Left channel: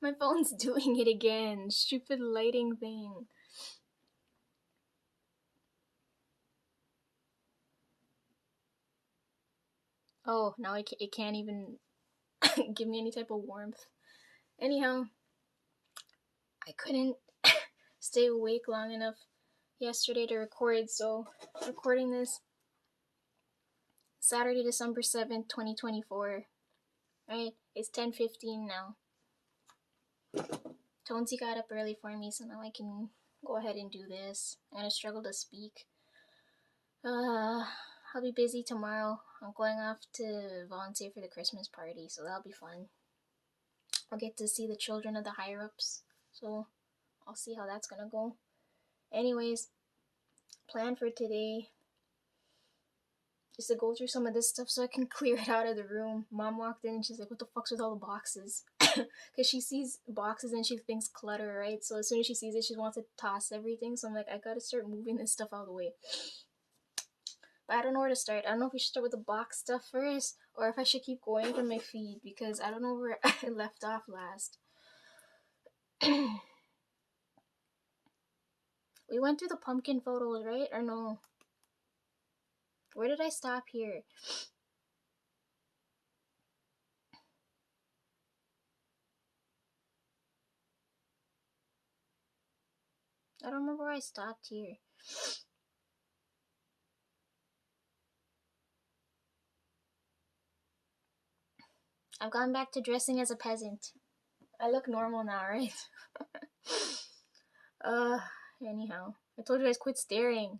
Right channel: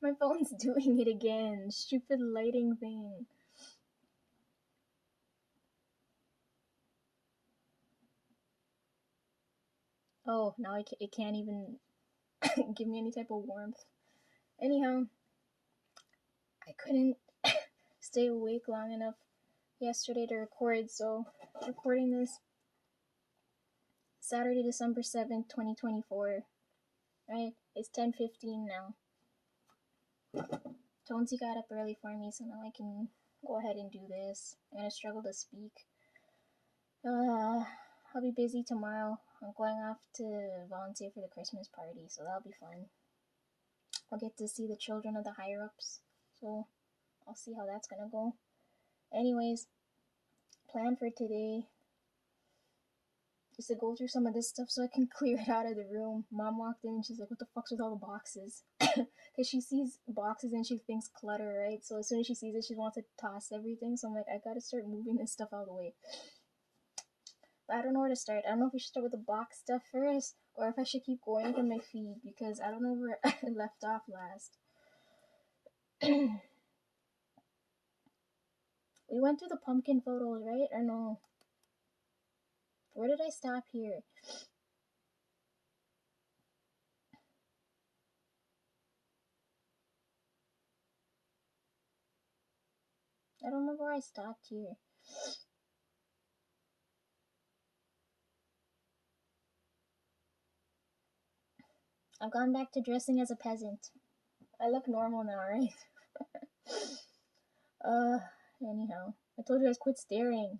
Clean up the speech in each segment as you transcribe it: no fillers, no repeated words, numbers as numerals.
My phone's doing it again. Stupid lighting thing. Oh, now it can't even give me any type of warmth. Anyhow, I couldn't stay awake long enough yesterday to record, so recording this Saturday, December 7th, 2024. Right? It's 10:15 now. Tonesy got up early for me, so now I can go ahead and do this. I'm gonna struggle to speak. I'll be busy tomorrow. I'm going off to volunteer for the Christmas party, so that'll be fun. I'll get to see the children of the higher ups, so I'll see how that's gonna go. Anyways, plan for today is to go through some of this stuff so I can clear it out of the room. Mom walked in and she's like, "What the fuck's with all the boxes?" Because she sees boxes and she thinks clutter, right? So as soon as she sees it, she wants to toss everything. So I'm like, I gotta start moving this stuff out of the way. But I don't know where to start. I don't know if we should start with the box stuff first or if I should keep going from my feed because I don't know where I left off last. We went through the pumpkin photos, right? Or no? Where did I stop here? I don't remember where I stopped here. I've gone back to dressing as a peasant. I look normal now, right? Anyhow. I told you guys quit staring.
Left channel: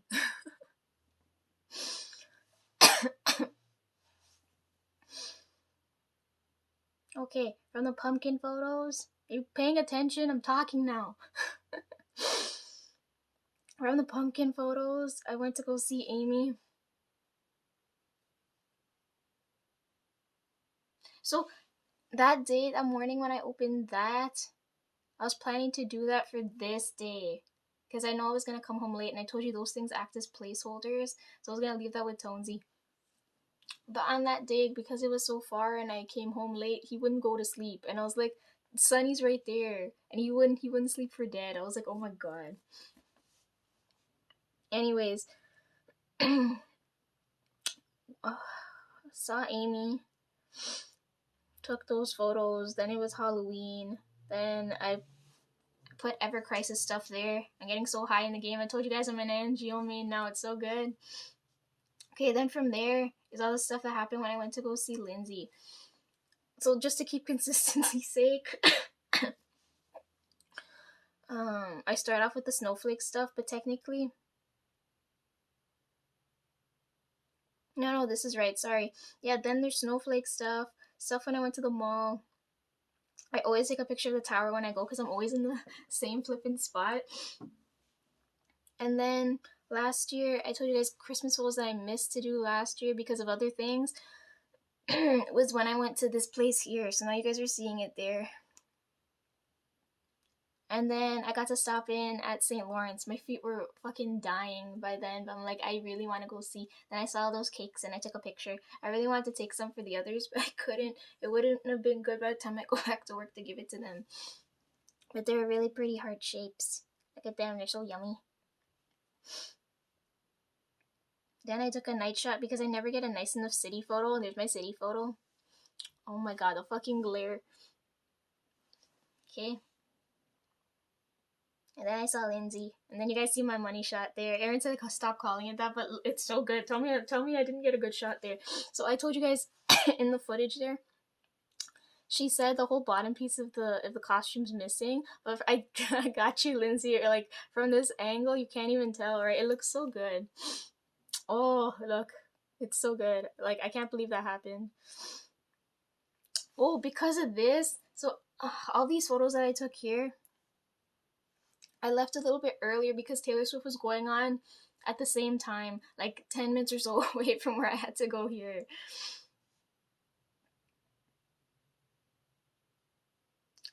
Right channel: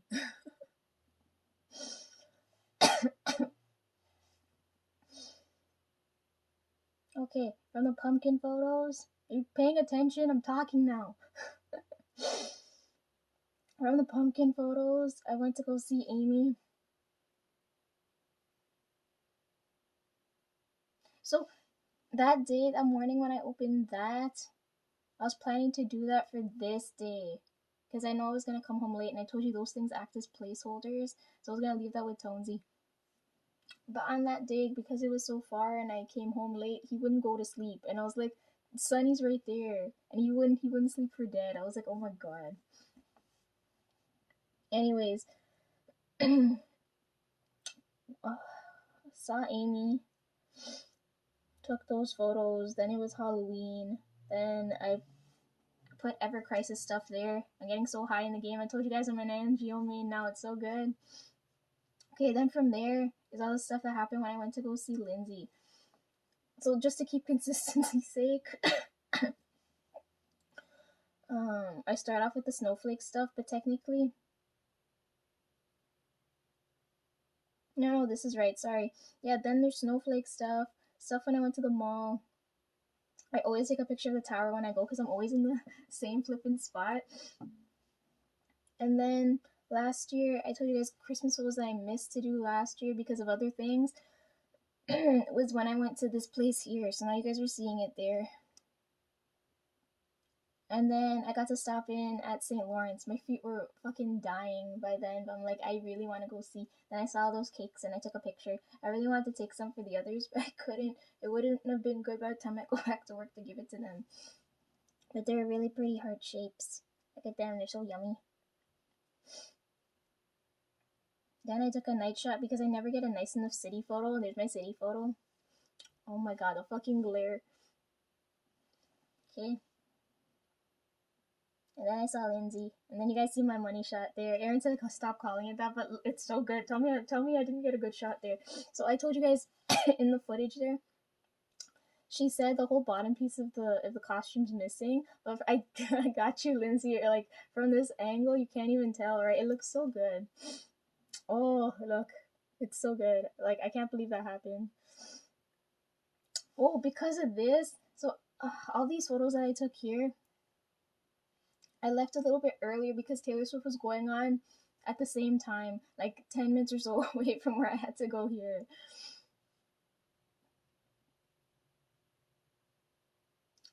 Okay, from the pumpkin photos. Are you paying attention? I'm talking now. From the pumpkin photos, I went to go see Amy. So, that day, that morning when I opened that, I was planning to do that for this day. Because I know I was going to come home late, and I told you those things act as placeholders. So I was going to leave that with Tonesy. But on that day, because it was so far and I came home late, he wouldn't go to sleep. And I was like, Sonny's right there. And he wouldn't sleep for dead. I was like, oh my god. Anyways, saw Amy, took those photos, then it was Halloween, then I put Ever Crisis stuff there. I'm getting so high in the game. I told you guys I'm an NGO main now, it's so good. Okay, then from there is all the stuff that happened when I went to go see Lindsay. So just to keep consistency's sake, I start off with the snowflake stuff, but technically, no, this is right, sorry. Yeah, then there's snowflake stuff when I went to the mall. I always take a picture of the tower when I go because I'm always in the same flipping spot. And then last year, I told you guys Christmas photos that I missed to do last year because of other things was when I went to this place here. So now you guys are seeing it there. And then I got to stop in at St. Lawrence. My feet were fucking dying by then, but I'm like, I really want to go see. Then I saw those cakes and I took a picture. I really wanted to take some for the others, but I couldn't. It wouldn't have been good by the time I go back to work to give it to them. But they're really pretty heart shapes. Look at them, they're so yummy. Then I took a night shot because I never get a nice enough city photo. There's my city photo. Oh my god, the fucking glare. Okay. And then I saw Lindsay. And then you guys see my money shot there. Aaron said stop calling it that, but it's so good. Tell me I didn't get a good shot there. So I told you guys in the footage there. She said the whole bottom piece of the costume's missing, but I got you, Lindsay. Like from this angle, you can't even tell, right? It looks so good. Oh, look, it's so good. Like I can't believe that happened. Oh, because of this, so all these photos that I took here, I left a little bit earlier because Taylor Swift was going on at the same time, like 10 minutes or so away from where I had to go here.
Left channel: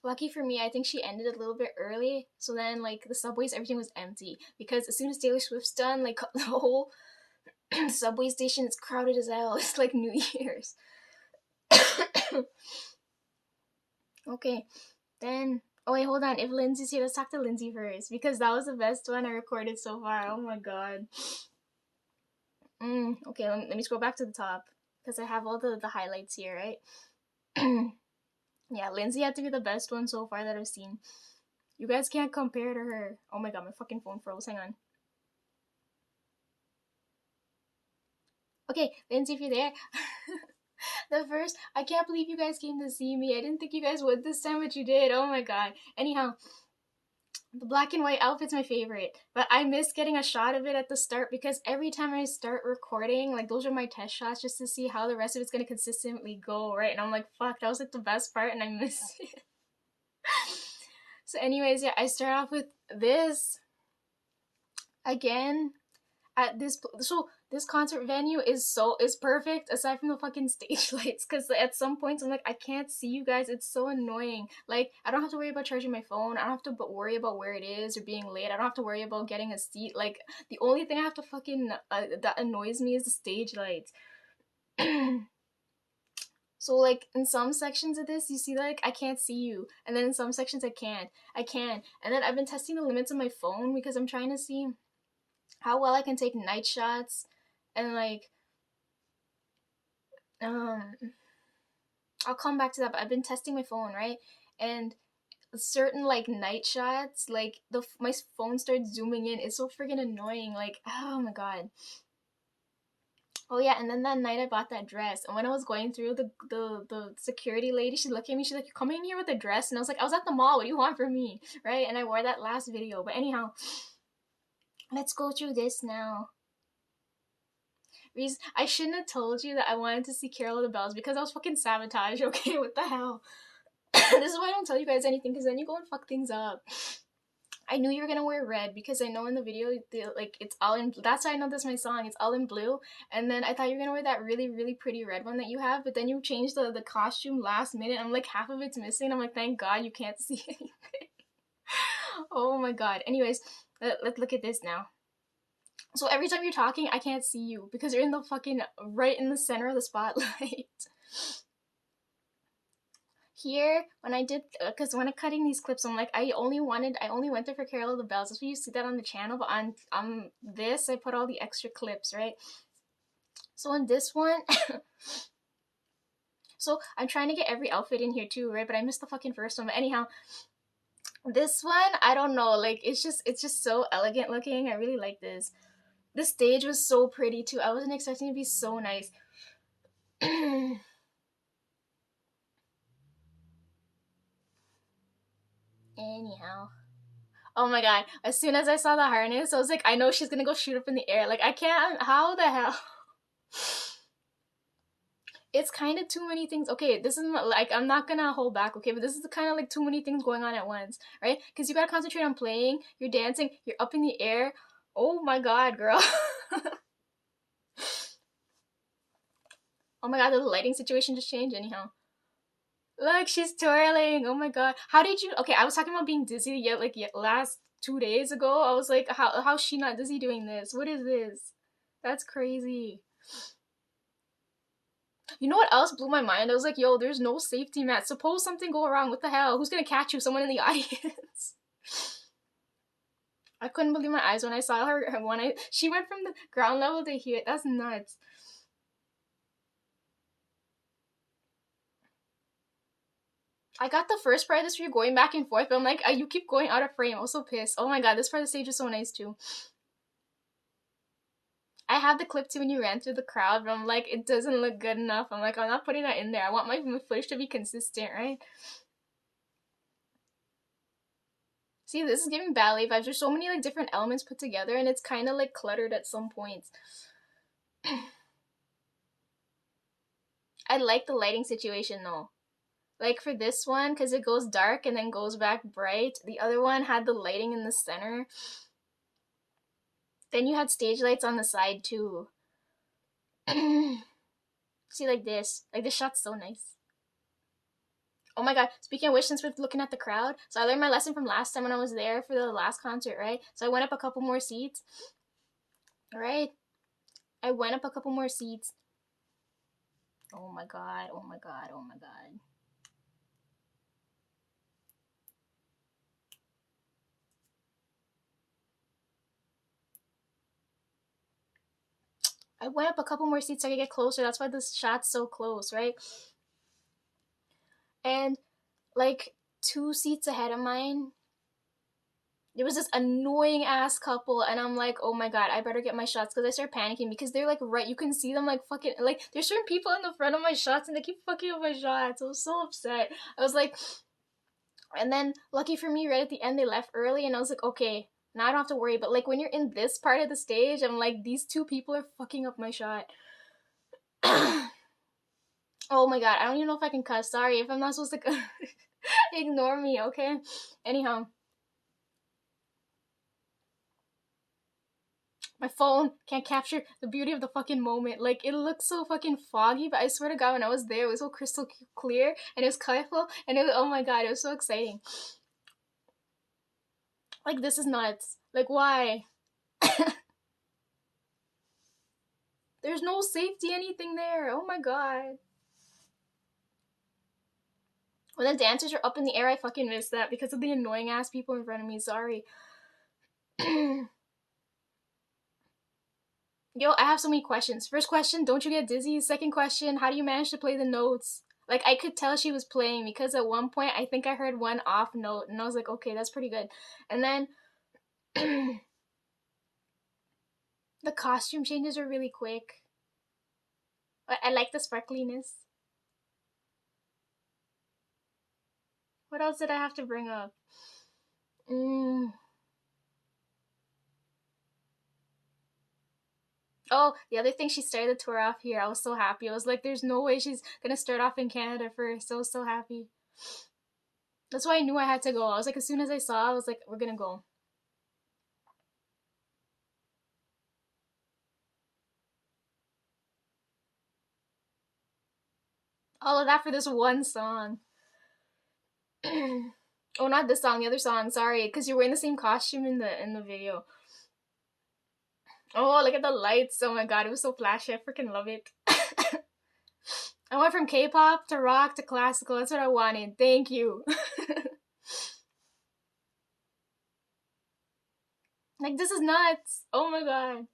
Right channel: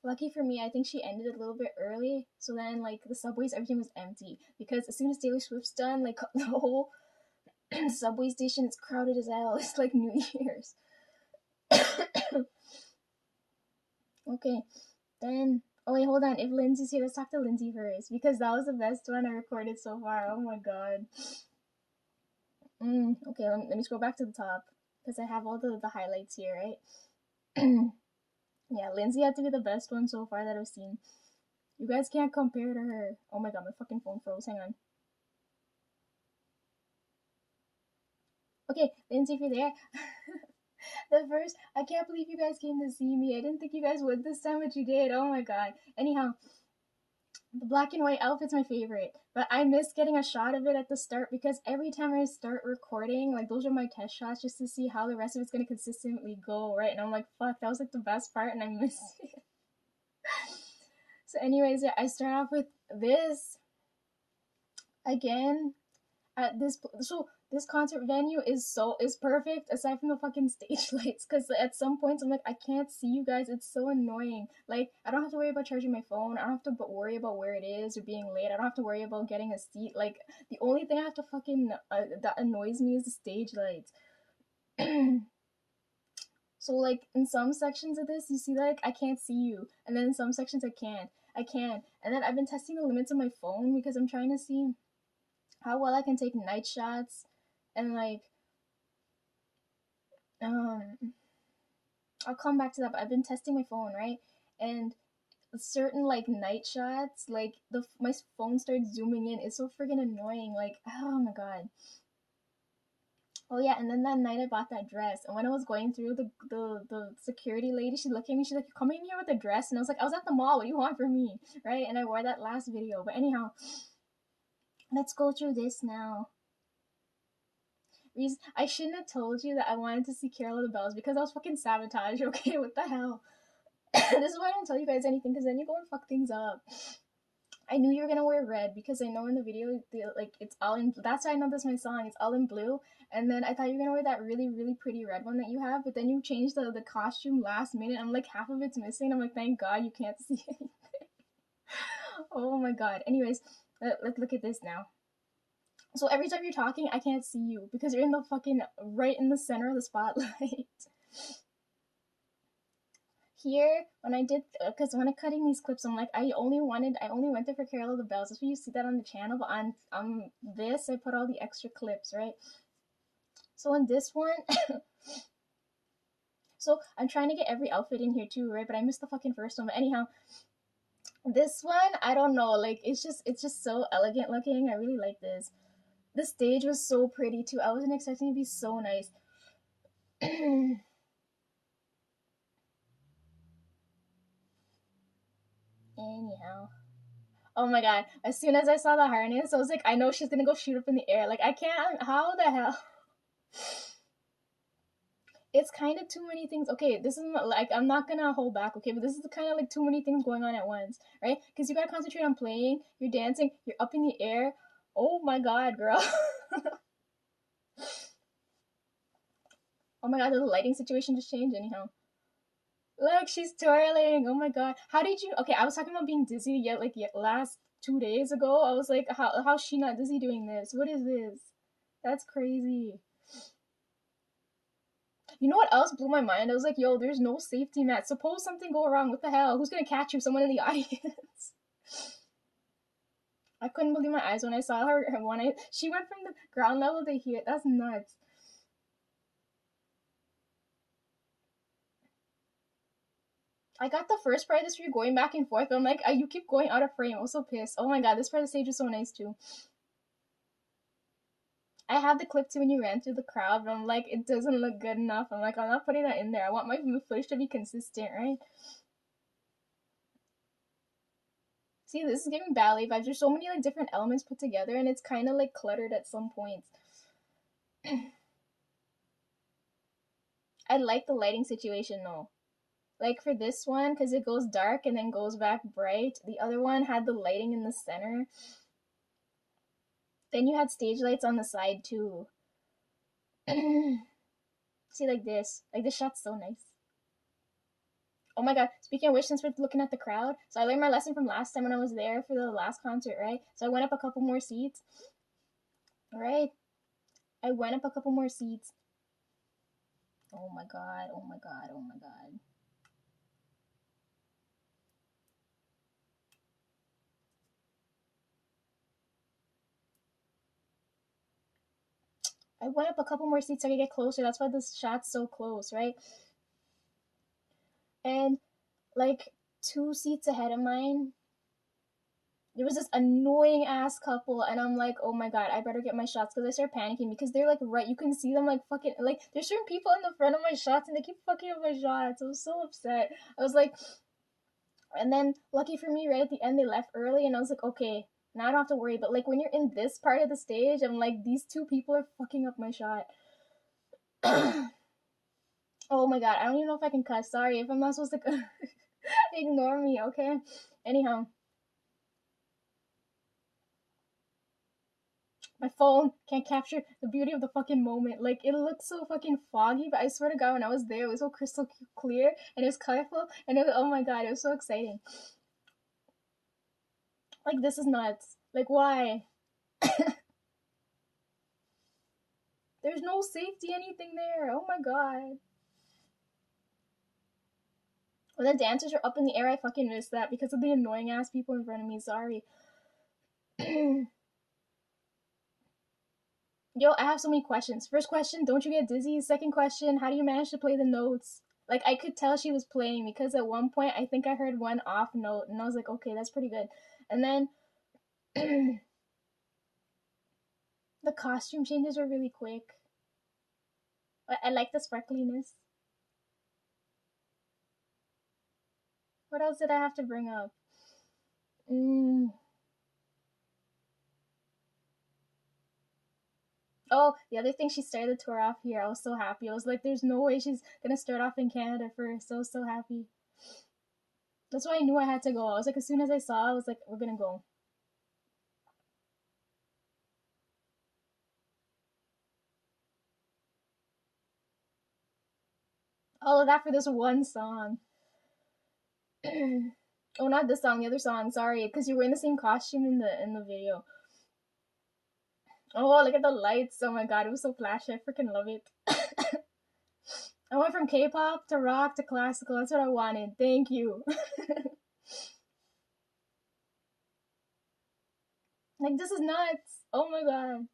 Lucky for me, I think she ended a little bit early, so then like the subways, everything was empty because as soon as Taylor Swift's done, like the whole subway station is crowded as hell. It's like New Year's. Okay, Then, oh wait, hold on. If Lindsay's here, let's talk to Lindsay first because that was the best one I recorded so far. Oh my god. Okay, let me scroll back to the top because I have all the highlights here, right? Yeah, Lindsay had to be the best one so far that I've seen. You guys can't compare to her. Oh my god, my fucking phone froze. Hang on. Okay, Lindsay, if you're there. The first, I can't believe you guys came to see me. I didn't think you guys would this time, but you did. Oh my god. Anyhow, the black and white outfit's my favorite, but I miss getting a shot of it at the start because every time I start recording, like those are my test shots just to see how the rest of it's gonna consistently go, right? And I'm like, fuck, that was like the best part, and I miss it. So, anyways, yeah, I start off with this again at this. So this concert venue is perfect aside from the fucking stage lights because at some points I'm like I can't see you guys, it's so annoying. Like I don't have to worry about charging my phone, I don't have to worry about where it is or being late, I don't have to worry about getting a seat. Like the only thing I have to fucking that annoys me is the stage lights. So like in some sections of this you see like I can't see you, and then in some sections I can, and then I've been testing the limits of my phone because I'm trying to see how well I can take night shots and like um I'll come back to that, but I've been testing my phone, right? And certain like night shots, like my phone starts zooming in. It's so friggin' annoying. Like, oh my god. Oh yeah, and then that night I bought that dress, and when I was going through the security lady, she looked at me. She's like, "You coming in here with a dress?" And I was like, "I was at the mall. What do you want from me?" Right? And I wore that last video. But anyhow, let's go through this now. Reason I shouldn't have told you that I wanted to see Carol of the Bells because I was fucking sabotage. Okay, what the hell? This is why I don't tell you guys anything because then you go and fuck things up. I knew you were gonna wear red because I know in the video like it's all in. That's why I know this is my song. It's all in blue, and then I thought you were gonna wear that really pretty red one that you have, but then you changed the costume last minute. I'm like half of it's missing. I'm like thank God you can't see anything. Oh my god. Anyways, let's look at this now. So every time you're talking, I can't see you because you're in the fucking right in the center of the spotlight. Here when I did because when I'm cutting these clips I'm like I only went there for Carol of the Bells. That's why you see that on the channel, but on this I put all the extra clips, right? So in this one so I'm trying to get every outfit in here too, right? But I missed the fucking first one. But anyhow, this one I don't know, like it's just so elegant looking. I really like this. The stage was so pretty too. I wasn't expecting it to be so nice. Anyhow, oh my god, as soon as I saw the harness I was like I know she's gonna go shoot up in the air. Like I can't, how the hell. It's kind of too many things. Okay, this is like I'm not gonna hold back, okay, but this is kind of like too many things going on at once, right? Because you gotta concentrate on playing, you're dancing, you're up in the air. Oh my god, girl. Oh my god, the lighting situation just changed. Anyhow, look, she's twirling. Oh my god, how did you? Okay, I was talking about being dizzy yet like last 2 days ago. I was like, how's she not dizzy doing this? What is this? That's crazy. You know what else blew my mind? I was like, yo, there's no safety mat. Suppose something go wrong. What the hell? Who's gonna catch you? Someone in the audience. I couldn't believe my eyes when I saw her when she went from the ground level to here. That's nuts. I got the first part of this where you're going back and forth, but I'm like, you keep going out of frame. I was so pissed. Oh my god, this part of the stage is so nice too. I have the clip too when you ran through the crowd, but I'm like, it doesn't look good enough. I'm like, I'm not putting that in there. I want my footage to be consistent, right? See, this is giving ballet vibes. There's so many like different elements put together, and it's kind of like cluttered at some points. I like the lighting situation though. Like for this one, because it goes dark and then goes back bright. The other one had the lighting in the center. Then you had stage lights on the side too. See, like this. Like this shot's so nice. Oh my god, speaking of which, since we're looking at the crowd, so I learned my lesson from last time when I was there for the last concert, right? So I went up a couple more seats. Right? I went up a couple more seats. Oh my god, oh my god, oh my god. I went up a couple more seats so I could get closer. That's why this shot's so close, right? And like 2 seats ahead of mine, there was this annoying ass couple, and I'm like, oh my god, I better get my shots, because I start panicking because they're like right, you can see them like fucking, like there's certain people in the front of my shots and they keep fucking up my shots. I was so upset. I was like, and then lucky for me, right at the end they left early, and I was like, okay, now I don't have to worry. But like when you're in this part of the stage, I'm like, these 2 people are fucking up my shot. Oh my god, I don't even know if I can cuss. Sorry if I'm not supposed to. Ignore me, okay? Anyhow, my phone can't capture the beauty of the fucking moment. Like, it looks so fucking foggy, but I swear to god, when I was there, it was so crystal clear, and it was colorful, and it was, oh my god, it was so exciting. Like, this is nuts. Like, why? There's no safety anything there. Oh my god. When the dancers are up in the air, I fucking missed that because of the annoying ass people in front of me. Sorry. Yo, I have so many questions. First question, don't you get dizzy? Second question, how do you manage to play the notes? Like, I could tell she was playing because at one point I think I heard one off note and I was like, okay, that's pretty good. And then the costume changes are really quick. I like the sparkliness. What else did I have to bring up? Oh, the other thing, she started the tour off here. I was so happy. I was like, there's no way she's gonna start off in Canada first. I was so happy. That's why I knew I had to go. I was like, as soon as I saw, I was like, we're gonna go. All of that for this one song. Oh, not this song, the other song. Sorry, because you're wearing the same costume in the video. Oh, look at the lights. Oh my god, it was so flashy. I freaking love it. I went from K-pop to rock to classical. That's what I wanted. Thank you. Like, this is nuts. Oh my god.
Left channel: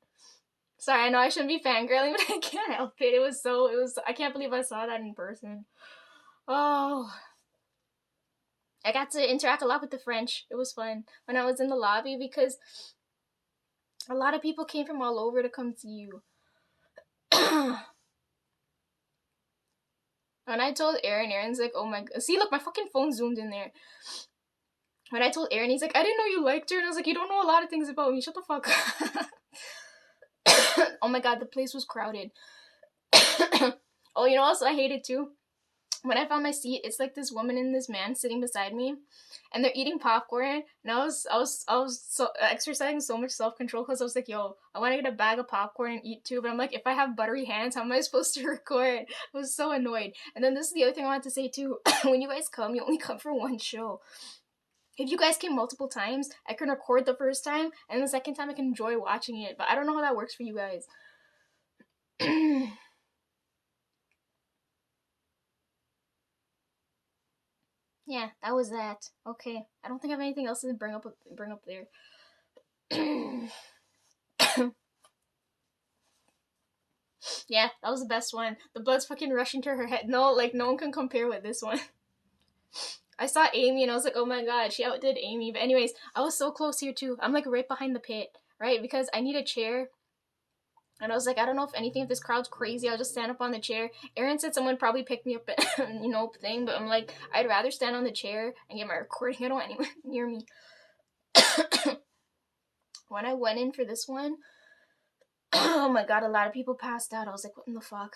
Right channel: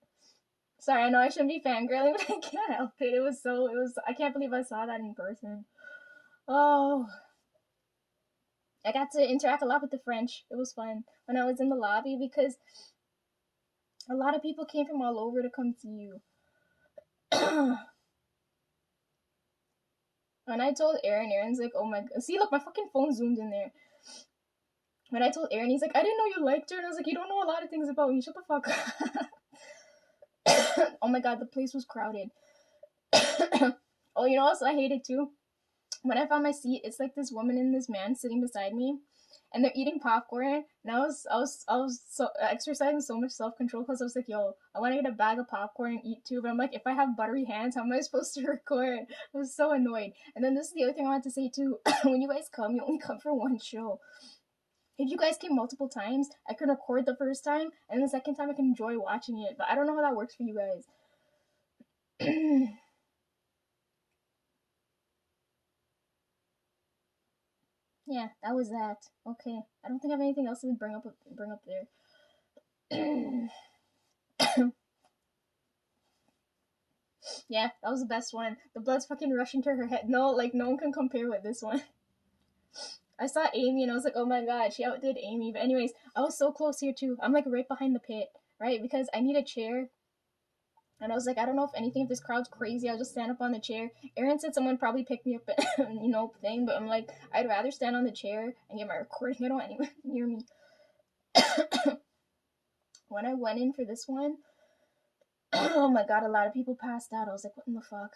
Sorry, I know I shouldn't be fangirling, but I can't help it. I can't believe I saw that in person. Oh. I got to interact a lot with the French. It was fun when I was in the lobby because a lot of people came from all over to come see you. When I told Aaron's like, oh my god. See, look, my fucking phone zoomed in there. When I told Aaron, he's like, I didn't know you liked her. And I was like, you don't know a lot of things about me. Shut the fuck up. Oh my god, the place was crowded. Oh, you know what else I hated too? When I found my seat, it's like this woman and this man sitting beside me, and they're eating popcorn. And I was so exercising so much self control because I was like, yo, I want to get a bag of popcorn and eat too. But I'm like, if I have buttery hands, how am I supposed to record? I was so annoyed. And then this is the other thing I wanted to say too. When you guys come, you only come for one show. If you guys came multiple times, I can record the first time, and the second time I can enjoy watching it. But I don't know how that works for you guys. Yeah, that was that. Okay, I don't think I have anything else to bring up there. Yeah, that was the best one. The blood's fucking rushing to her head. No, like no one can compare with this one. I saw Amy and I was like, oh my god, she outdid Amy. But anyways, I was so close here too. I'm like right behind the pit, right? Because I need a chair. And I was like, I don't know if this crowd's crazy, I'll just stand up on the chair. Aaron said someone probably picked me up, thing, but I'm like, I'd rather stand on the chair and get my recording. I don't want anyone near me. When I went in for this one, oh my god, a lot of people passed out. I was like, what in the fuck?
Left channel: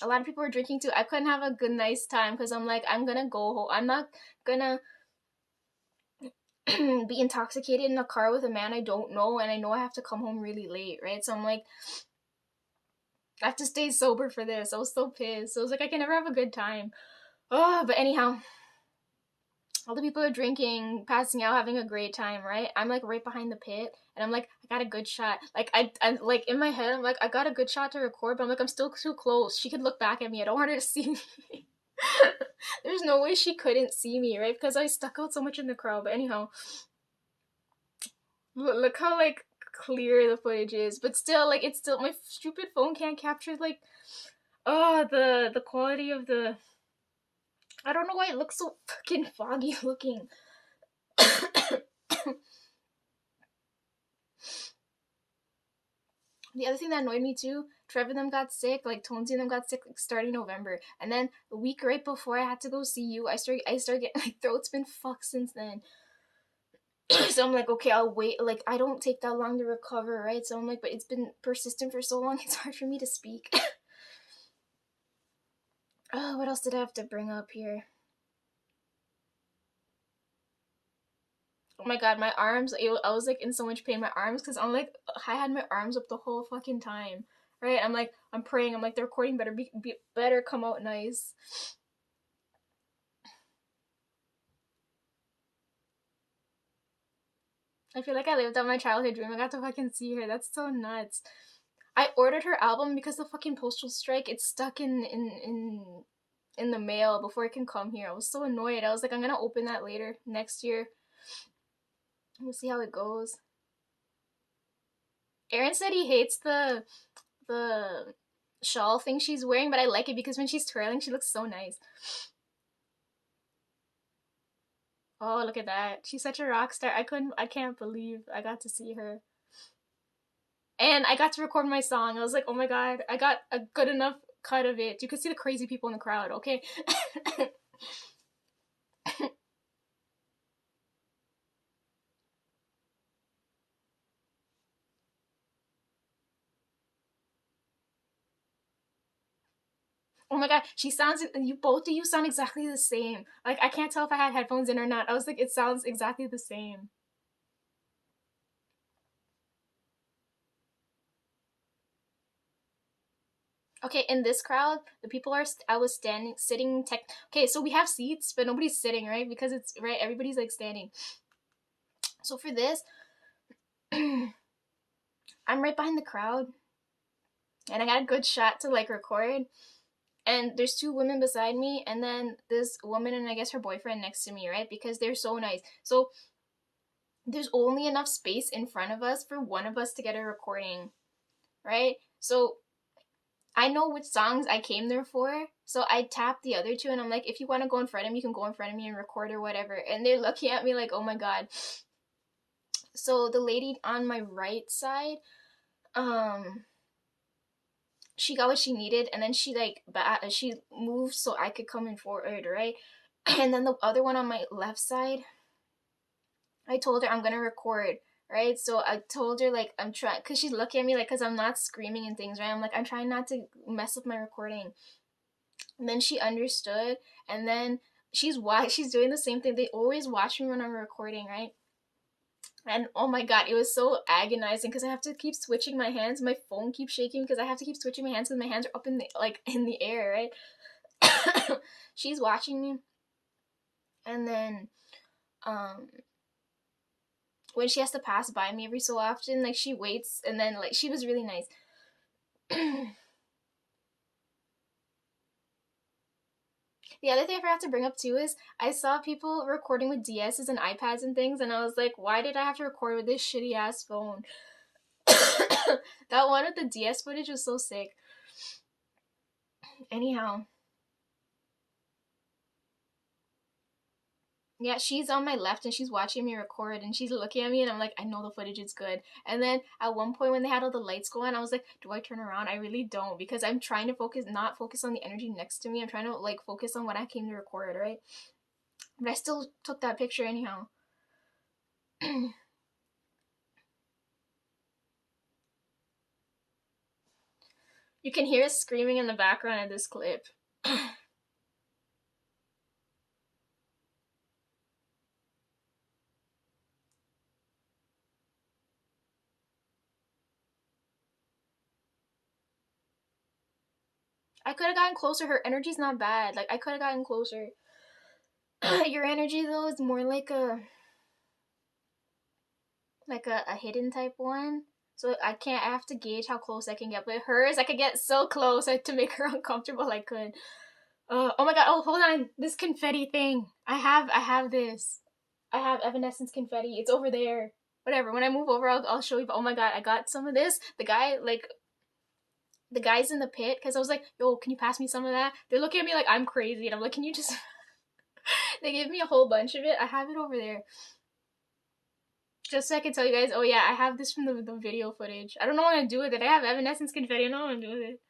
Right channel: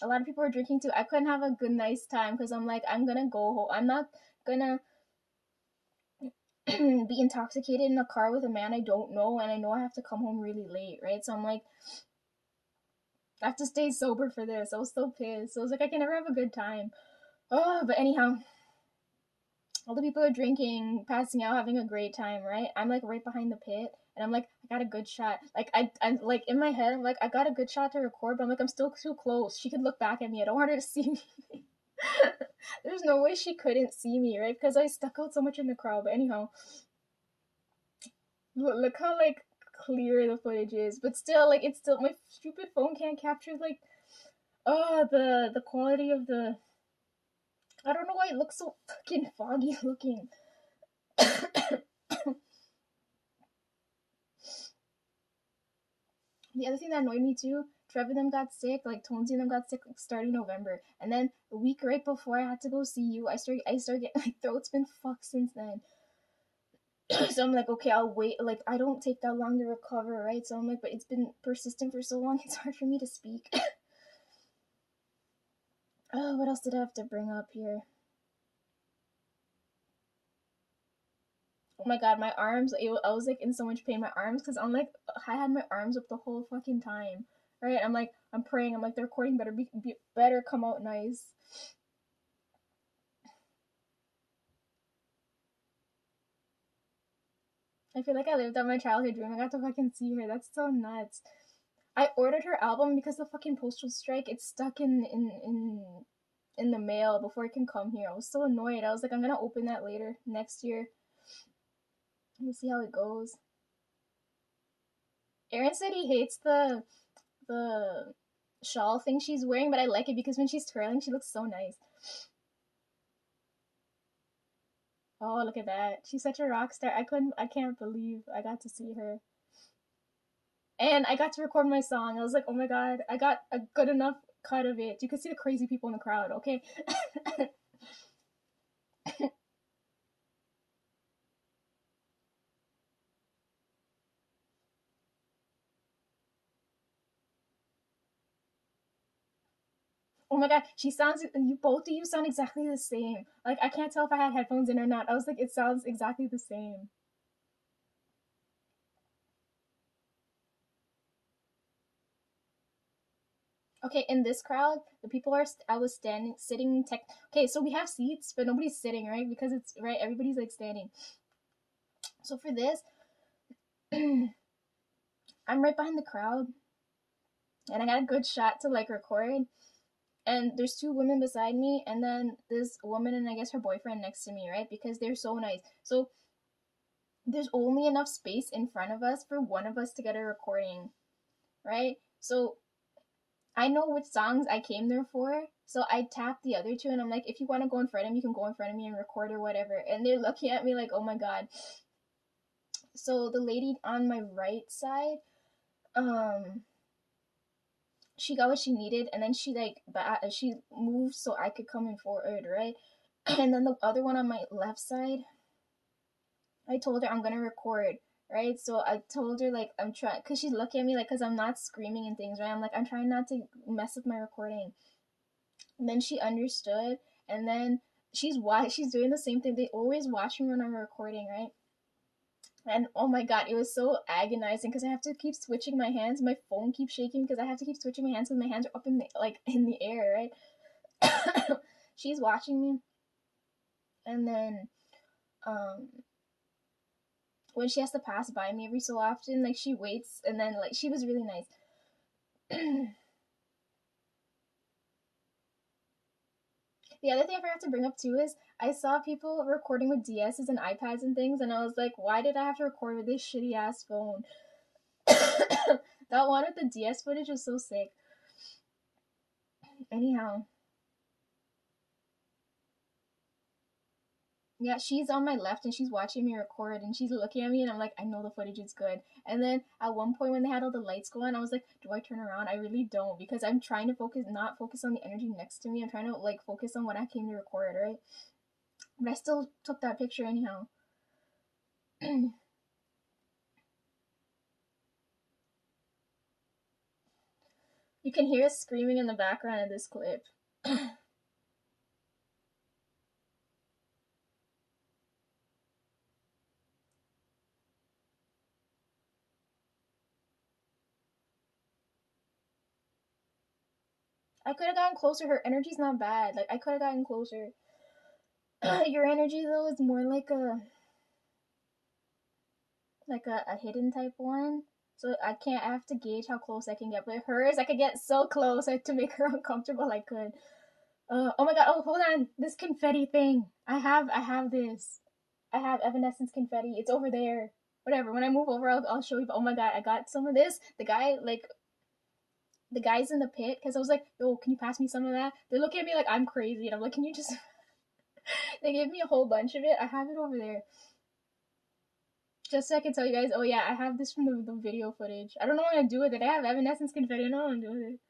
A lot of people were drinking too. I couldn't have a good, nice time because I'm like, I'm gonna go home. I'm not gonna be intoxicated in a car with a man I don't know, and I know I have to come home really late, right? So I'm like, I have to stay sober for this. I was so pissed. I was like, I can never have a good time. Oh, but anyhow, all the people are drinking, passing out, having a great time, right? I'm like right behind the pit, and I'm like, I got a good shot. Like I'm like in my head, I'm like, I got a good shot to record, but I'm like, I'm still too close. She could look back at me. I don't want her to see me. There's no way she couldn't see me, right? Because I stuck out so much in the crowd. But anyhow, look how like clear the footage is, but still, like, it's still, my stupid phone can't capture, like, the quality of the, I don't know why it looks so fucking foggy looking. The other thing that annoyed me too, Trevor them got sick, like Tonesy and them got sick like starting November, and then the week right before I had to go see you, I started getting, my throat's been fucked since then. So I'm like, okay, I'll wait. Like, I don't take that long to recover, right? So I'm like, but it's been persistent for so long, it's hard for me to speak. Oh, what else did I have to bring up here? Oh my god, my arms, I was like in so much pain, my arms, because I'm like, I had my arms up the whole fucking time, right? I'm like, I'm praying, I'm like, the recording better come out nice. I feel like I lived out my childhood dream. I got to fucking see her. That's so nuts. I ordered her album because the fucking postal strike, it's stuck in the mail before it can come here. I was so annoyed. I was like, I'm gonna open that later next year. We'll see how it goes. Aaron said he hates the shawl thing she's wearing, but I like it because when she's twirling, she looks so nice. Oh, look at that. She's such a rock star. I can't believe I got to see her. And I got to record my song. I was like, oh my god, I got a good enough cut of it. You could see the crazy people in the crowd, okay? Oh my god, she sounds, you both of you sound exactly the same. Like, I can't tell if I had headphones in or not. I was like, it sounds exactly the same. Okay, in this crowd, the people are, I was sitting, okay, so we have seats, but nobody's sitting, right? Because it's, right, everybody's like standing. So for this, I'm right behind the crowd, and I got a good shot to like record. And there's two women beside me, and then this woman and I guess her boyfriend next to me, right? Because they're so nice. So there's only enough space in front of us for one of us to get a recording, right? So I know which songs I came there for. So I tapped the other two and I'm like, if you want to go in front of me, you can go in front of me and record or whatever. And they're looking at me like, oh my god. So the lady on my right side, she got what she needed, and then she like she moved so I could come in forward, right? And then the other one on my left side, I told her I'm gonna record, right? So I told her like I'm trying, cause she's looking at me like, cause I'm not screaming and things, right? I'm like, I'm trying not to mess up my recording. And then she understood, and then she's doing the same thing. They always watch me when I'm recording, right? And oh my god, it was so agonizing because I have to keep switching my hands. My phone keeps shaking because I have to keep switching my hands because my hands are up in the in the air, right? She's watching me, and then when she has to pass by me every so often, like she waits, and then like she was really nice. The other thing I forgot to bring up too is I saw people recording with DSs and iPads and things, and I was like, why did I have to record with this shitty ass phone? That one with the DS footage was so sick. Anyhow. Yeah, she's on my left and she's watching me record and she's looking at me and I'm like, I know the footage is good. And then at one point when they had all the lights go on, I was like, do I turn around? I really don't, because I'm trying to not focus on the energy next to me. I'm trying to like focus on what I came to record, right? But I still took that picture anyhow. You can hear us screaming in the background of this clip. I could have gotten closer. Her energy's not bad. Like, I could have gotten closer. Your energy though is more like a hidden type one. So I have to gauge how close I can get. But hers, I could get so close to make her uncomfortable. I could. Oh my god! Oh, hold on! This confetti thing. I have this. I have Evanescence confetti. It's over there. whatever. When I move over, I'll show you. But oh my god, I got some of this. The guy, like, the guys in the pit, because I was like, yo, can you pass me some of that? They're looking at me like I'm crazy, and I'm like, can you just? They gave me a whole bunch of it. I have it over there. Just so I can tell you guys, oh yeah, I have this from the video footage. I don't know what to do with it. I have Evanescence confetti. I don't know what to do with it.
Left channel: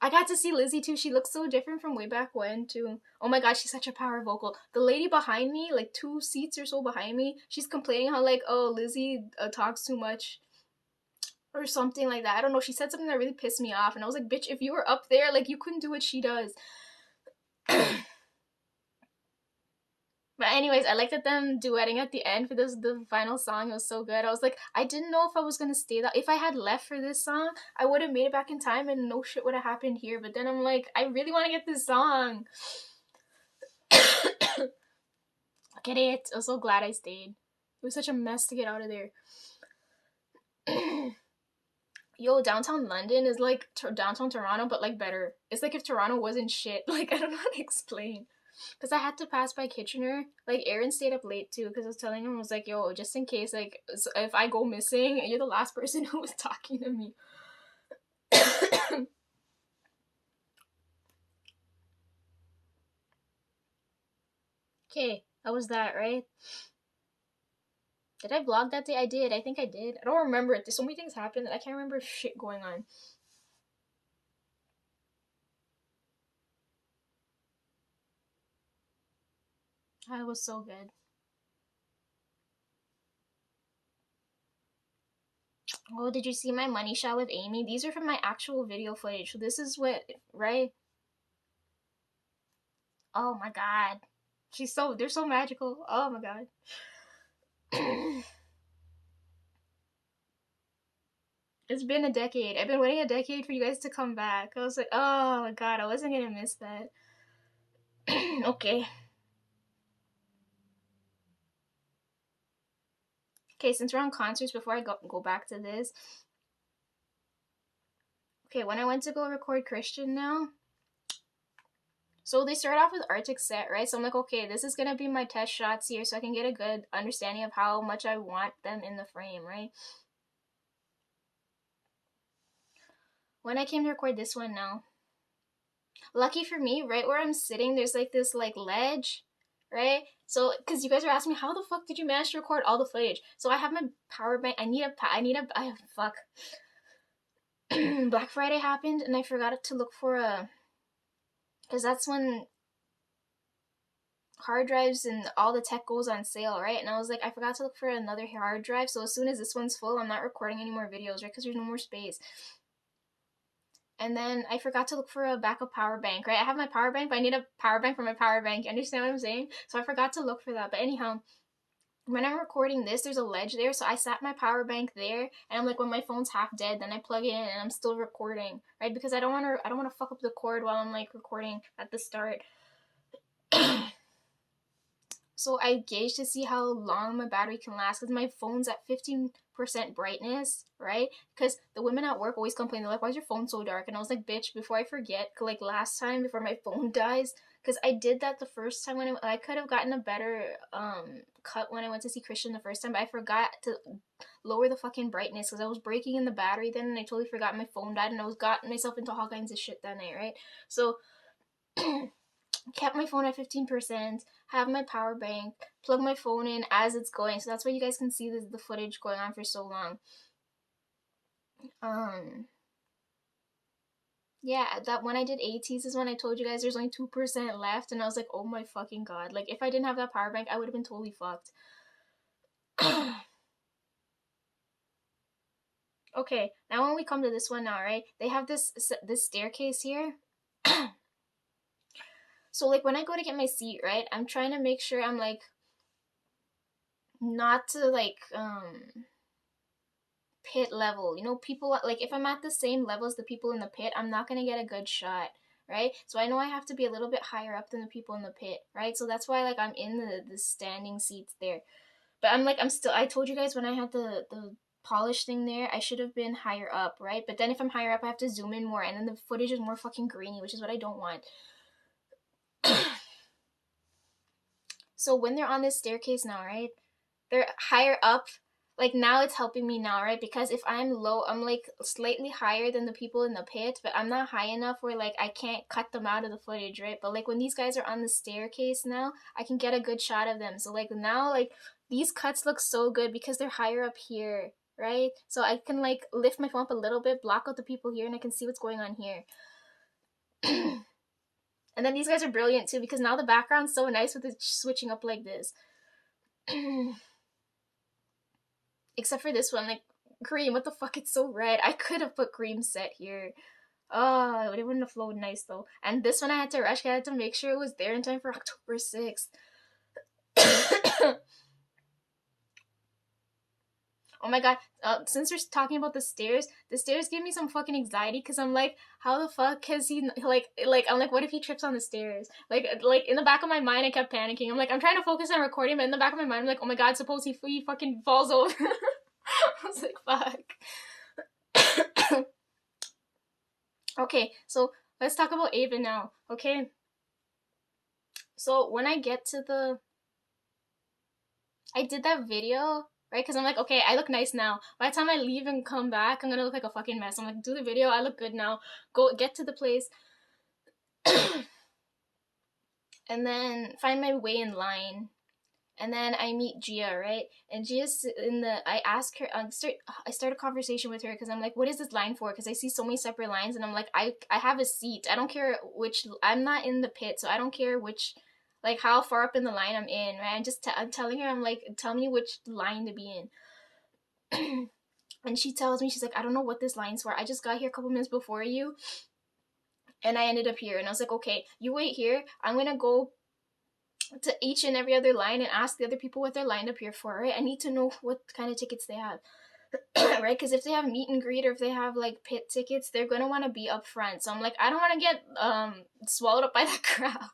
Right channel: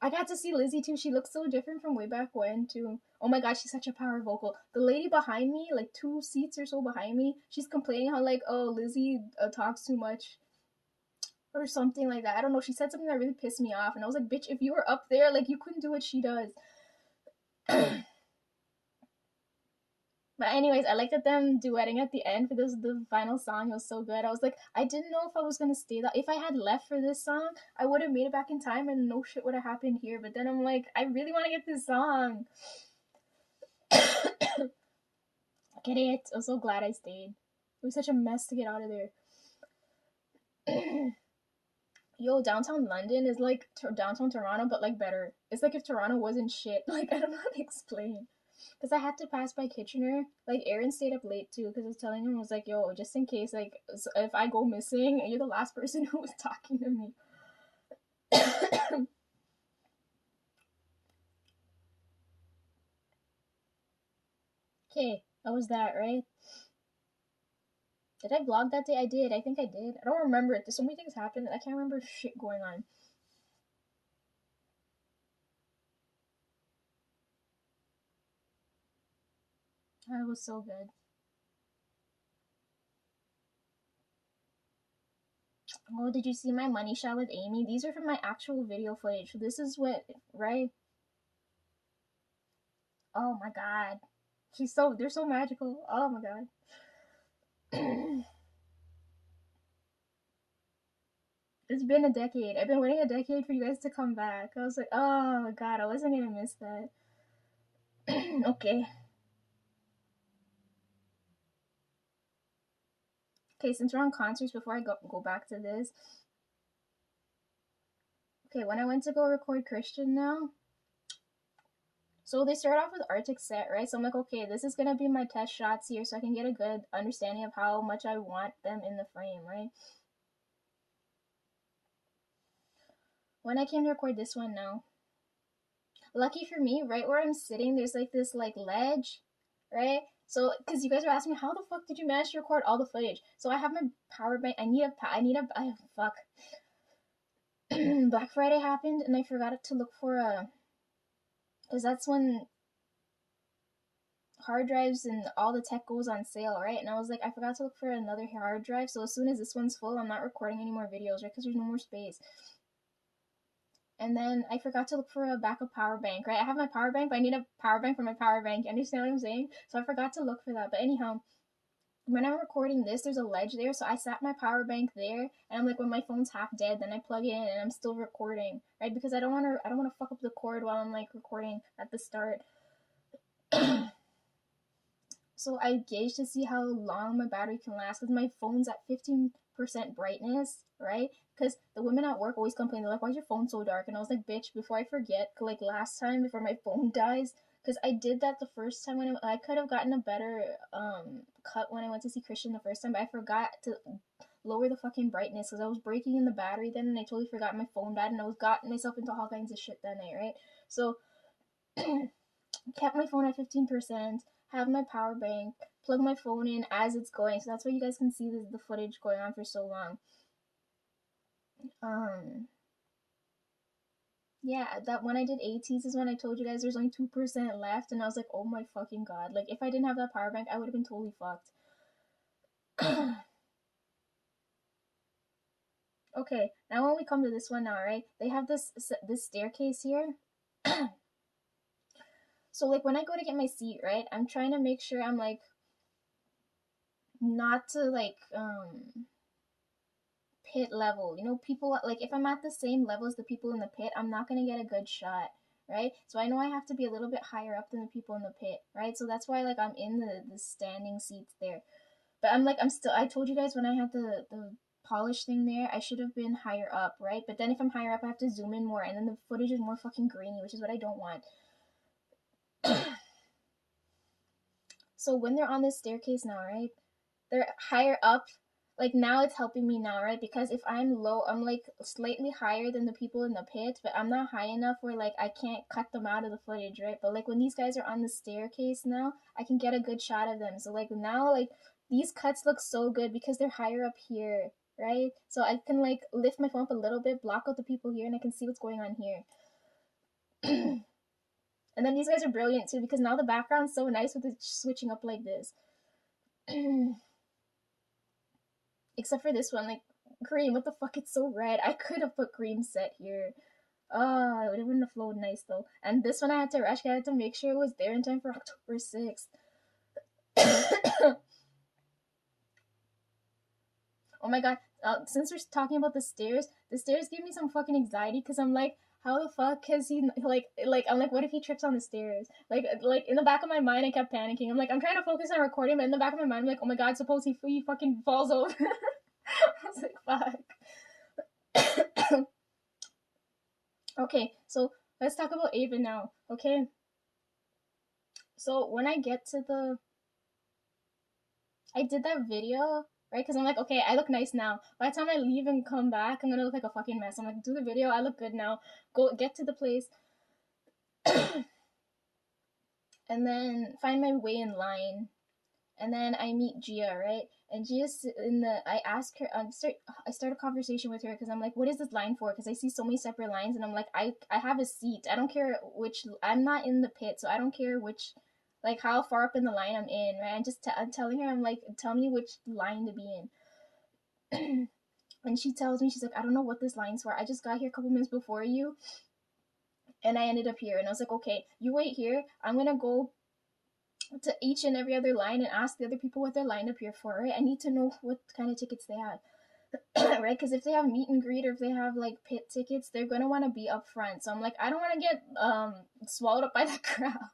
I got to see Lizzie too. She looks so different from way back when too. Oh my god, she's such a power vocal. The lady behind me, like 2 seats or so behind me, she's complaining how like, oh, Lizzie talks too much or something like that. I don't know. She said something that really pissed me off, and I was like, bitch, if you were up there, like, you couldn't do what she does. But anyways, I liked them duetting at the end for the final song. It was so good. I was like, I didn't know if I was gonna stay that. If I had left for this song, I would have made it back in time, and no shit would have happened here. But then I'm like, I really want to get this song. Look at it. I'm so glad I stayed. It was such a mess to get out of there. Yo, downtown London is like downtown Toronto, but like better. It's like if Toronto wasn't shit. Like, I don't know how to explain. Because I had to pass by Kitchener. Like, Aaron stayed up late too, because I was telling him, I was like, yo, just in case, like, if I go missing, you're the last person who was talking to me. Okay, how was that, right? Did I vlog that day? I did. I think I did. I don't remember it. There's so many things happened that I can't remember shit going on. Oh, it was so good. Oh, did you see my money shot with Amy? These are from my actual video footage. So this is what, right? Oh my god. They're so magical. Oh my god. It's been a decade. I've been waiting a decade for you guys to come back. I was like, oh my god, I wasn't gonna miss that. Okay. Okay, since we're on concerts, before I go back to this. Okay, when I went to go record Christian now, so they start off with Arctic Set, right? So I'm like, okay, this is gonna be my test shots here, so I can get a good understanding of how much I want them in the frame, right? When I came to record this one now, lucky for me, right where I'm sitting, there's like this like ledge, right? So, because you guys are asking me, how the fuck did you manage to record all the footage? So I have my power bank. Fuck. Black Friday happened, and I forgot to look for because that's when hard drives and all the tech goes on sale, right? And I was like, I forgot to look for another hard drive. So as soon as this one's full, I'm not recording any more videos, right? Because there's no more space. And then I forgot to look for a backup power bank, right? I have my power bank, but I need a power bank for my power bank. You understand what I'm saying? So I forgot to look for that. But anyhow, when I'm recording this, there's a ledge there, so I sat my power bank there, and I'm like, when my phone's half dead, then I plug it in, and I'm still recording, right? Because I don't want to fuck up the cord while I'm like recording at the start. So I gauge to see how long my battery can last, because my phone's at 15% brightness, right? Because the women at work always complain, they're like, why is your phone so dark? And I was like, bitch, before I forget, like last time before my phone dies, because I did that the first time when I could have gotten a better cut when I went to see Christian the first time, but I forgot to lower the fucking brightness because I was breaking in the battery then, and I totally forgot my phone died, and I was got myself into all kinds of shit that night, right? So kept my phone at 15%, have my power bank, plug my phone in as it's going. So that's why you guys can see the footage going on for so long. Yeah, that when I did ATs is when I told you guys there's only 2% left, and I was like, oh my fucking god. Like, if I didn't have that power bank, I would have been totally fucked. Okay, now when we come to this one now, right? They have this staircase here. So like when I go to get my seat, right? I'm trying to make sure I'm like not to like pit level. You know, people like if I'm at the same level as the people in the pit, I'm not gonna get a good shot, right? So I know I have to be a little bit higher up than the people in the pit, right? So that's why like I'm in the standing seats there. But I told you guys when I had the polish thing there, I should have been higher up, right? But then if I'm higher up, I have to zoom in more, and then the footage is more fucking grainy, which is what I don't want. So when they're on this staircase now, right? They're higher up. like now it's helping me now, right? Because if I'm low, I'm like slightly higher than the people in the pit, but I'm not high enough where like I can't cut them out of the footage, right? But like when these guys are on the staircase now, I can get a good shot of them. So like now, like these cuts look so good because they're higher up here, right? So I can like lift my phone up a little bit, block out the people here, and I can see what's going on here. And then these guys are brilliant too because now the background's so nice with it switching up like this. Except for this one, like Cream, what the fuck? It's so red. I could have put Cream set here. Oh, it wouldn't have flowed nice though. And this one I had to rush. I had to make sure it was there in time for October 6th. Oh my god, since we're talking about the stairs give me some fucking anxiety because I'm like, how the fuck has he like I'm like, what if he trips on the stairs? Like in the back of my mind I kept panicking. I'm like, I'm trying to focus on recording, but in the back of my mind I'm like, oh my god, suppose he fucking falls over. I was like, fuck. Okay, so let's talk about Ava now, okay? So when I get to I did that video, right? Because I'm like, okay, I look nice now. By the time I leave and come back, I'm gonna look like a fucking mess. I'm like, do the video, I look good now. Go get to the place. And then find my way in line. And then I meet Gia, right? And Gia's I ask her, I start a conversation with her because I'm like, what is this line for? Because I see so many separate lines, and I'm like, I have a seat. I don't care which, I'm not in the pit, so I don't care which, like how far up in the line I'm in, right? I'm telling her, I'm like, tell me which line to be in. And she tells me, she's like, I don't know what this line's for. I just got here a couple minutes before you, and I ended up here. And I was like, okay, you wait here. I'm gonna go to each and every other line and ask the other people what they're lined up here for, right? I need to know what kind of tickets they have. Right? Because if they have meet and greet or if they have like pit tickets, they're gonna want to be up front. So I'm like, I don't want to get swallowed up by the crowd.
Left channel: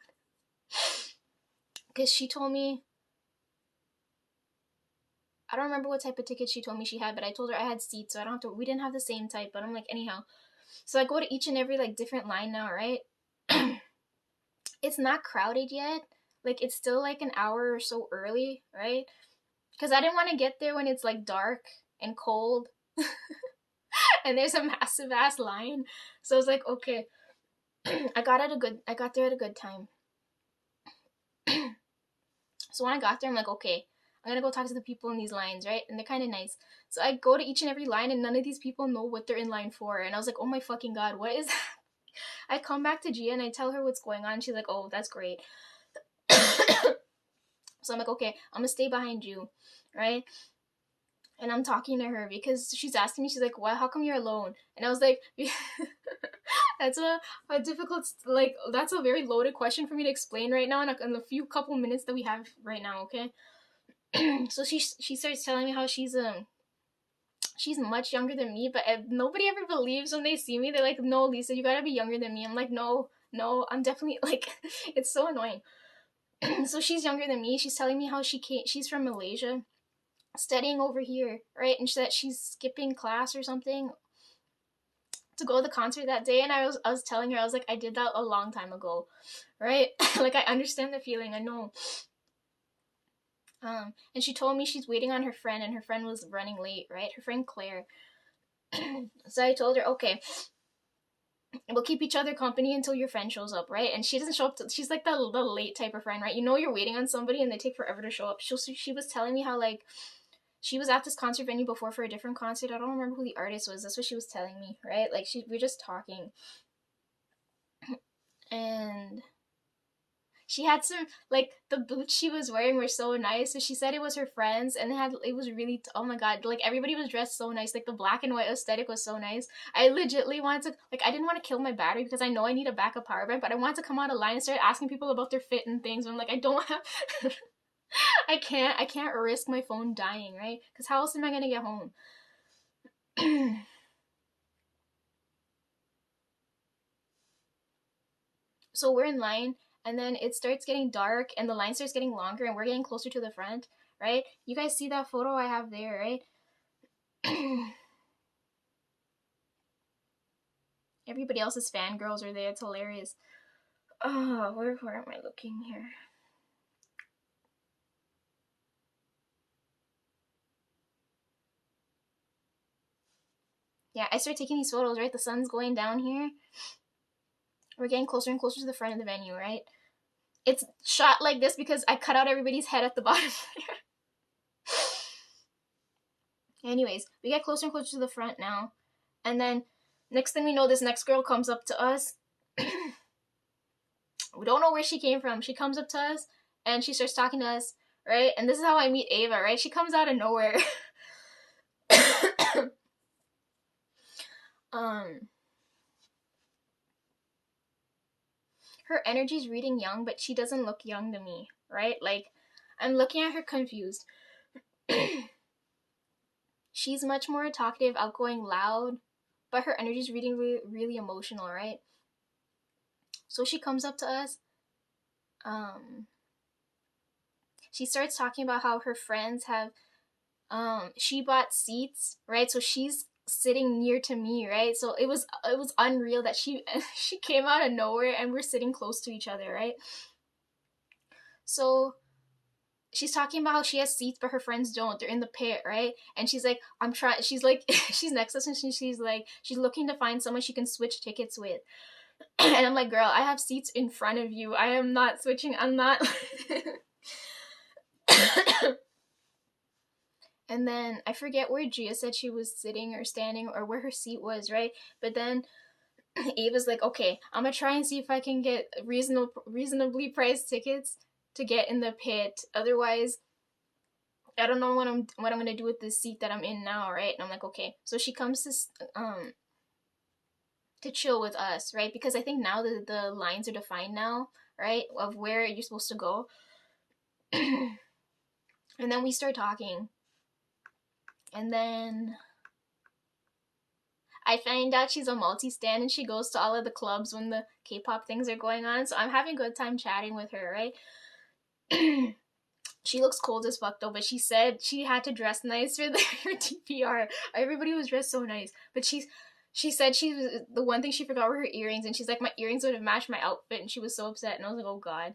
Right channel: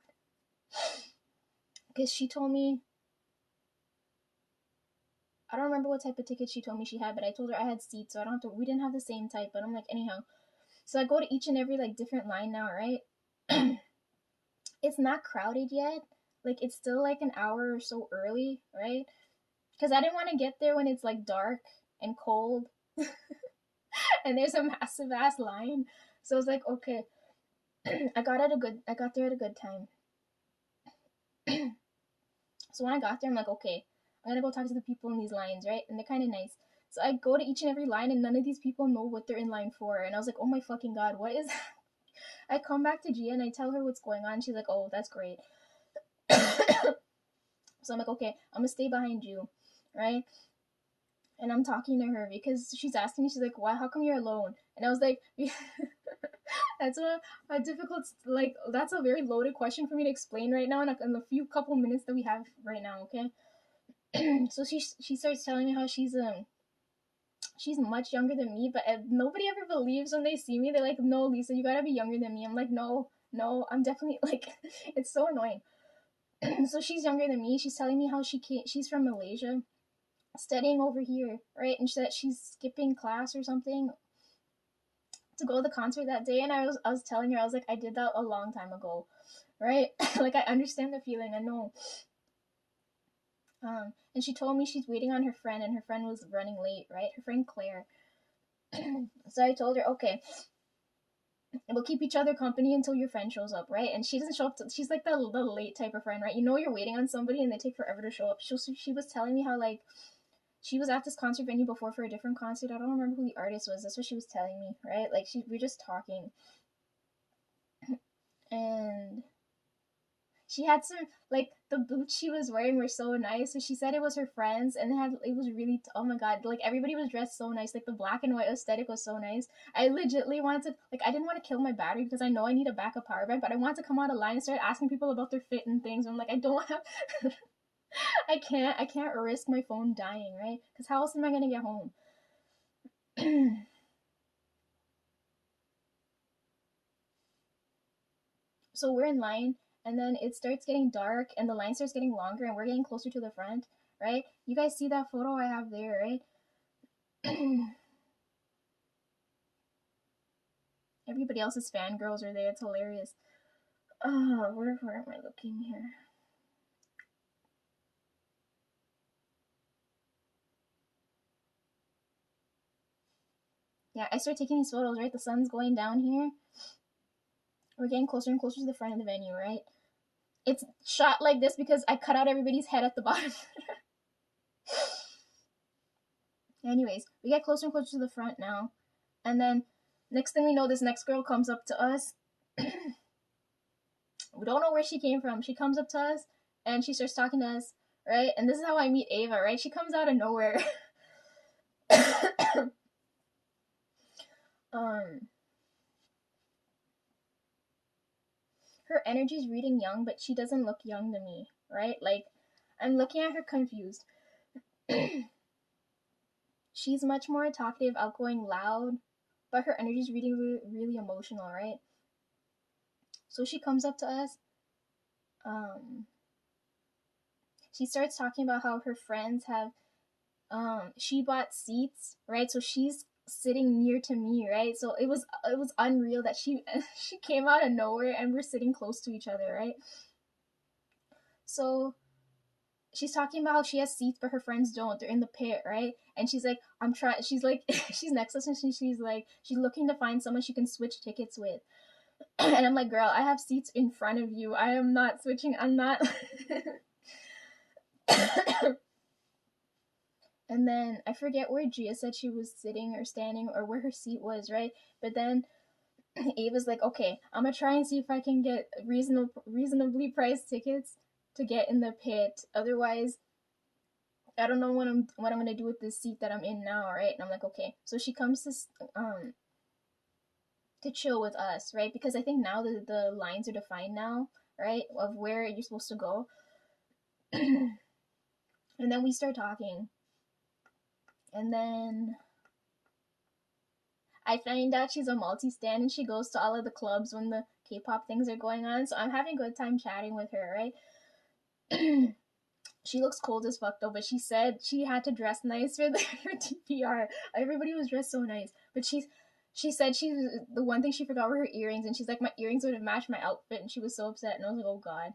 Because she told me, I don't remember what type of ticket she told me she had, but I told her I had seats, so I don't have to. We didn't have the same type, but I'm like, anyhow. So I go to each and every like different line now, right? It's not crowded yet. Like it's still like an hour or so early, right? Because I didn't want to get there when it's like dark and cold and there's a massive ass line. So I was like, okay. I got there at a good time. So when I got there, I'm like, okay, I'm gonna go talk to the people in these lines, right? And they're kind of nice. So I go to each and every line, and none of these people know what they're in line for. And I was like, oh my fucking god, what is that? I come back to Gia and I tell her what's going on. She's like, oh, that's great. So I'm like, okay, I'm gonna stay behind you, right? And I'm talking to her because she's asking me, she's like, why, how come you're alone? And I was like, that's a difficult, like, that's a very loaded question for me to explain right now in a few couple minutes that we have right now, okay? So she starts telling me how she's much younger than me, but nobody ever believes when they see me. They're like, no, Lisa, you gotta be younger than me. I'm like, no, I'm definitely, like, it's so annoying. So she's younger than me. She's telling me how she's from Malaysia, studying over here, right? And that she's skipping class or something to go to the concert that day. And I was telling her, I was like, I did that a long time ago, right? Like I understand the feeling, I know. And she told me she's waiting on her friend, and her friend was running late, right? Her friend Claire. So I told her, okay, we'll keep each other company until your friend shows up, right? And she doesn't show up she's like the late type of friend, right? You know, you're waiting on somebody and they take forever to show up. She was telling me how like she was at this concert venue before for a different concert. I don't remember who the artist was. That's what she was telling me, right? Like we're just talking. And she had some, like, the boots she was wearing were so nice. So she said it was her friends, and it was really, oh my god, like everybody was dressed so nice. Like the black and white aesthetic was so nice. I legitly wanted to, like, I didn't want to kill my battery because I know I need a backup power bank, but I wanted to come out of line and start asking people about their fit and things. And I'm like, I don't have, I can't risk my phone dying, right? Because how else am I gonna get home? So we're in line, and then it starts getting dark, and the line starts getting longer, and we're getting closer to the front, right? You guys see that photo I have there, right? Everybody else's fangirls are there. It's hilarious. Oh, where am I looking here? yeah, I start taking these photos, right? The sun's going down here. We're getting closer and closer to the front of the venue, right? It's shot like this because I cut out everybody's head at the bottom. Anyways, we get closer and closer to the front now. And then next thing we know, this next girl comes up to us. We don't know where she came from. She comes up to us and she starts talking to us, right? And this is how I meet Ava, right? She comes out of nowhere. Her energy's reading young, but she doesn't look young to me, right? Like, I'm looking at her confused. She's much more talkative, outgoing, loud, but her energy's reading really, really emotional, right? So she comes up to us. She starts talking about how her friends have she bought seats, right? So she's sitting near to me, right? So it was unreal that she came out of nowhere and we're sitting close to each other, right? So she's talking about how she has seats but her friends don't. They're in the pit, right? And she's like, I'm trying. She's like, she's next to us and she's like, she's looking to find someone she can switch tickets with. And I'm like, girl, I have seats in front of you. I am not switching. I'm not. And then I forget where Gia said she was sitting or standing or where her seat was, right? But then Ava's like, okay, I'm gonna try and see if I can get reasonably priced tickets to get in the pit. Otherwise, I don't know what I'm gonna do with this seat that I'm in now, right? And I'm like, okay. So she comes to chill with us, right? Because I think now the lines are defined now, right? Of where you're supposed to go. And then we start talking. And then I find out she's a multi-stan and she goes to all of the clubs when the K-pop things are going on. So I'm having a good time chatting with her, right? She looks cold as fuck though, but she said she had to dress nice for her TPR. Everybody was dressed so nice, but she said she was the one thing she forgot were her earrings, and she's like, my earrings would have matched my outfit, and she was so upset. And I was like, oh god.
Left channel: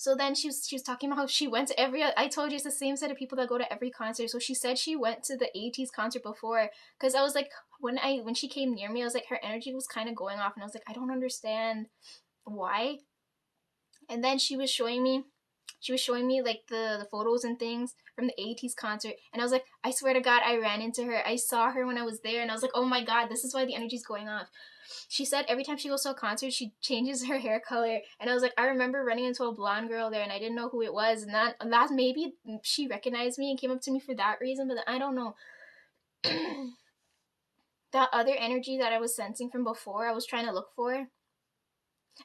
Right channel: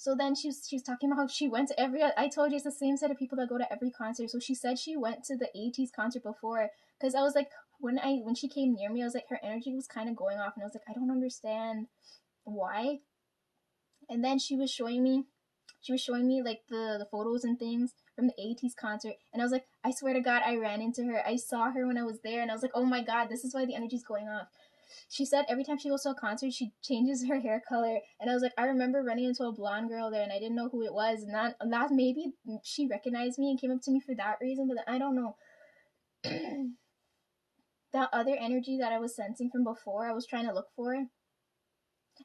So then she was talking about how she went to every. I told you it's the same set of people that go to every concert. So she said she went to the ATEEZ concert before, because I was like, when she came near me, I was like, her energy was kind of going off, and I was like, I don't understand why. And then she was showing me like the photos and things from the ATEEZ concert, and I was like, I swear to God, I ran into her. I saw her when I was there, and I was like, oh my God, this is why the energy's going off. She said every time she goes to a concert, she changes her hair color, and I was like, I remember running into a blonde girl there, and I didn't know who it was, and that maybe she recognized me and came up to me for that reason, but I don't know. That other energy that I was sensing from before, I was trying to look for.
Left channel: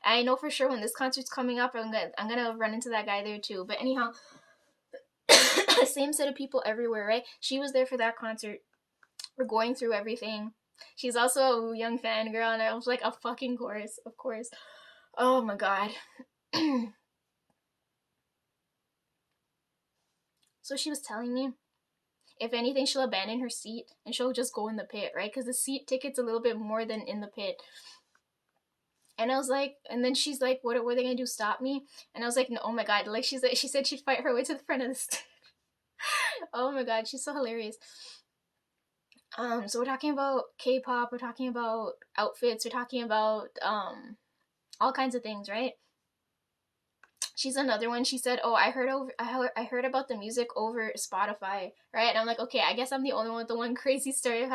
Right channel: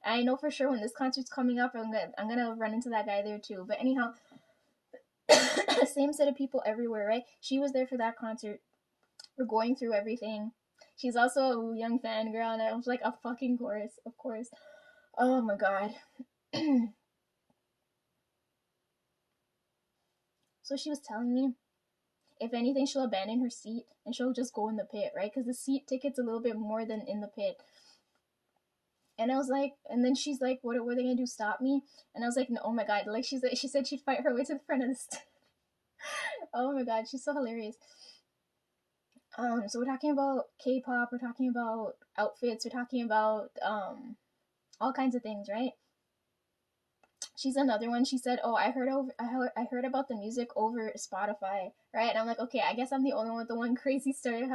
I know for sure when this concert's coming up, I'm gonna run into that guy there too. But anyhow, same set of people everywhere, right? She was there for that concert. We're going through everything. She's also a young fangirl, and I was like, a fucking course, of course. Oh my god. So she was telling me, if anything, she'll abandon her seat and she'll just go in the pit, right? Because the seat ticket's a little bit more than in the pit. And I was like, and then she's like, what were they gonna do? Stop me? And I was like, no, oh my god, like she said she'd fight her way to the front of the stage. Oh my god, she's so hilarious. So we're talking about K-pop, we're talking about outfits, we're talking about all kinds of things, right? She's another one. She said, "Oh, I heard about the music over Spotify, right?" And I'm like, "Okay, I guess I'm the only one with the one crazy story how